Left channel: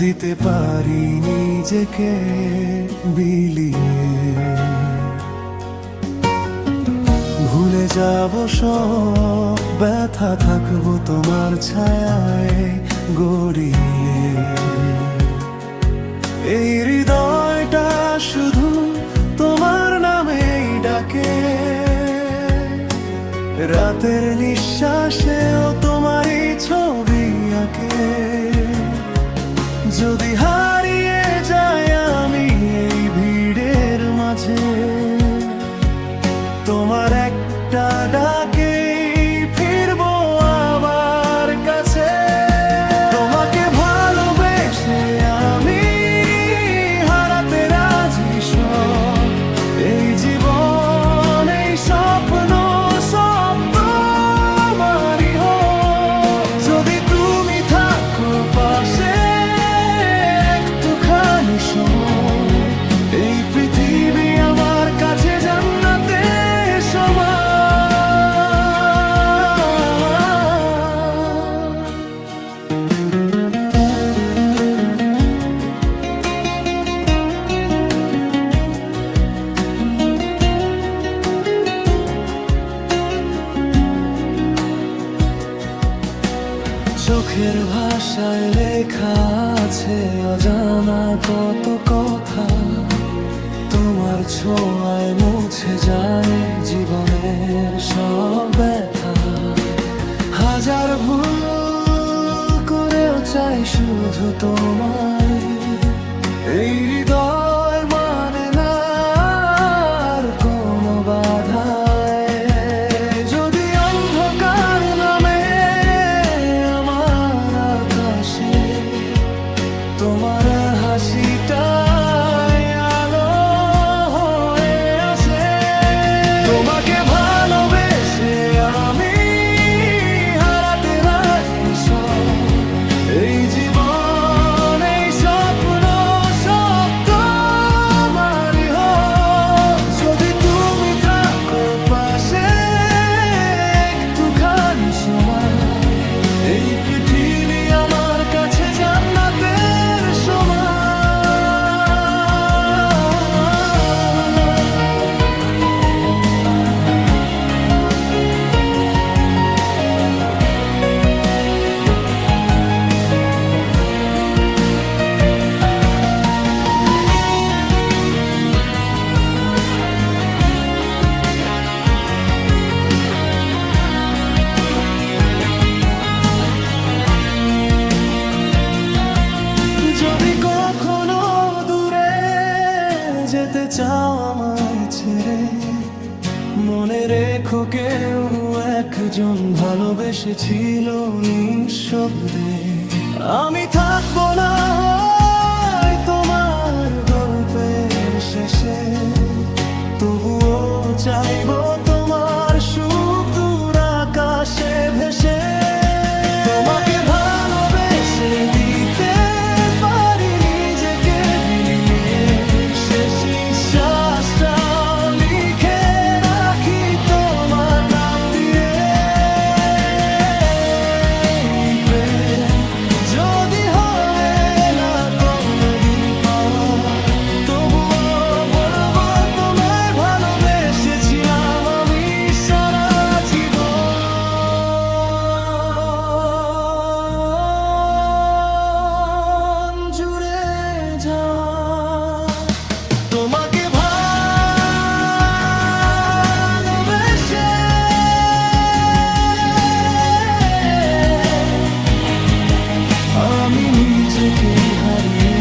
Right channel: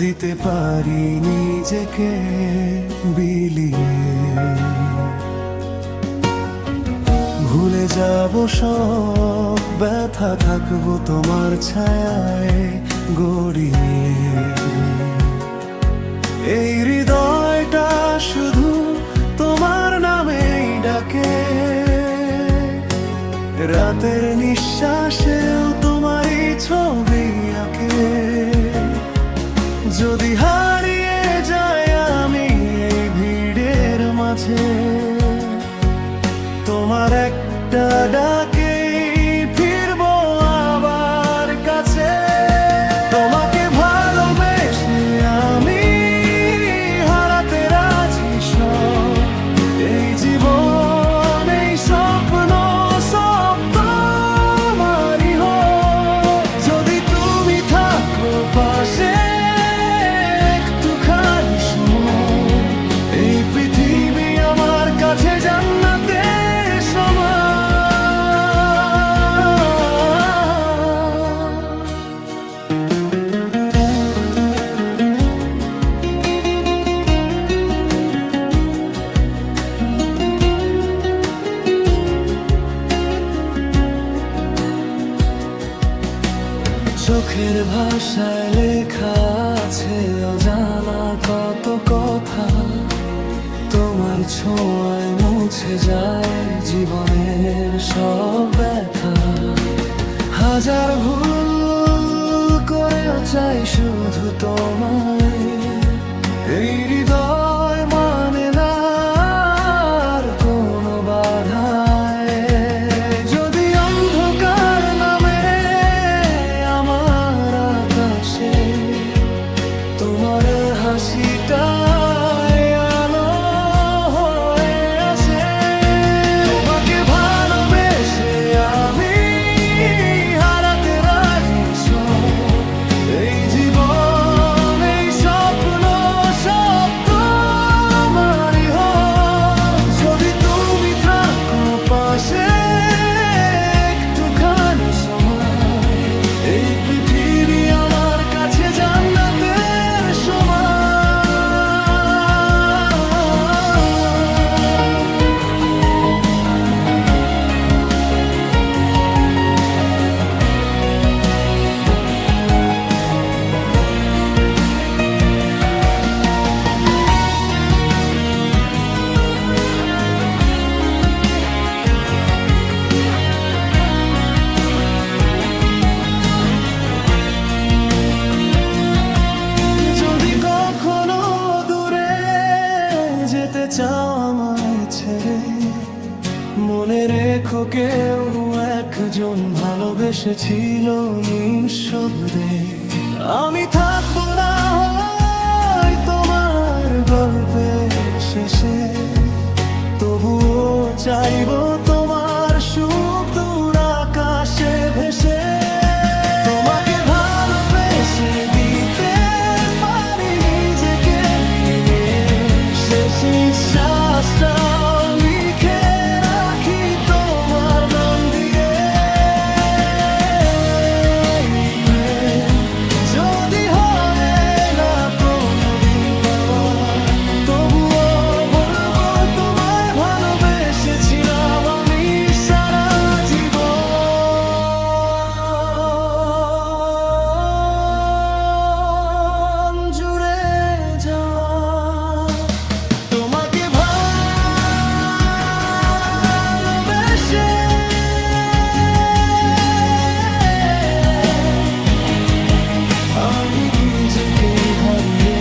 দিতে পারি নিজেকে বিলিয়ে। ভুলে যাব সব ব্যথা, থাকবো তোমার ছায়ায় গড়িয়ে। এই হৃদয়টা শুধু তোমার নামেই ডাকে, রাতের নিঃশ্বাসেও তোমারই ছবি আঁকে। যদি হারিয়ে যাই আমি এই ভিড়ের মাঝে, তোমার একটা ডাকে ফিরবো আবার কাছে। তোমাকে ভালোবেসে আমি হারাতে রাজি সব, এই জীবন এই স্বপ্ন সব তোমারই হোক। যদি তুমি থাকো পাশে একটুখানি সময়, এই পৃথিবী আমার কাছে জান্নাতের সমান। চোখের ভাষায় লেখা আছে অজানা কত কথা, তোমার ছোঁয়ায় মুছে যায় জীবনের সব ব্যথা। হাজার ভুল করেও চাই শুধু তোমায়, এই হৃদয় মানে না আর কোনো বাধায়। যদি অন্ধকার নামে আমার আকাশে, তোমার হাসিটাই আলো হয়ে আসে। তোমাকে ভালোবেসে আমি হারাতে রাজি সব, এই জীবন এই স্বপ্ন সব তোমারই হোক। যদি তুমি থাকো পাশে একটুখানি সময়, এই পৃথিবী আমার কাছে জান্নাতের সমান। যদি কখনো দূরে যেতে চাও আমায় ছেড়ে, মনে রেখো কেউ একজন ভালোবেসেছিল নিঃশব্দে। আমি থাকবো না হয় তোমার গল্পের শেষে, তবুও চাইবো তোমার সুখ দূর আকাশে ভেসে। তোমাকে ভালোবেসে দিতে শেষ নিঃশ্বাসটাও লিখে রাখি তোমার নাম দিয়ে। প্রেম যদি হয় না কোনোদিন পাওয়া, তবুও বলবো তোমায় ভালোবেসেছিলাম আমি সারা জীবন জুড়ে যাওয়া। তোমাকে ভালোবেসে আমি নিজেকে হারিয়ে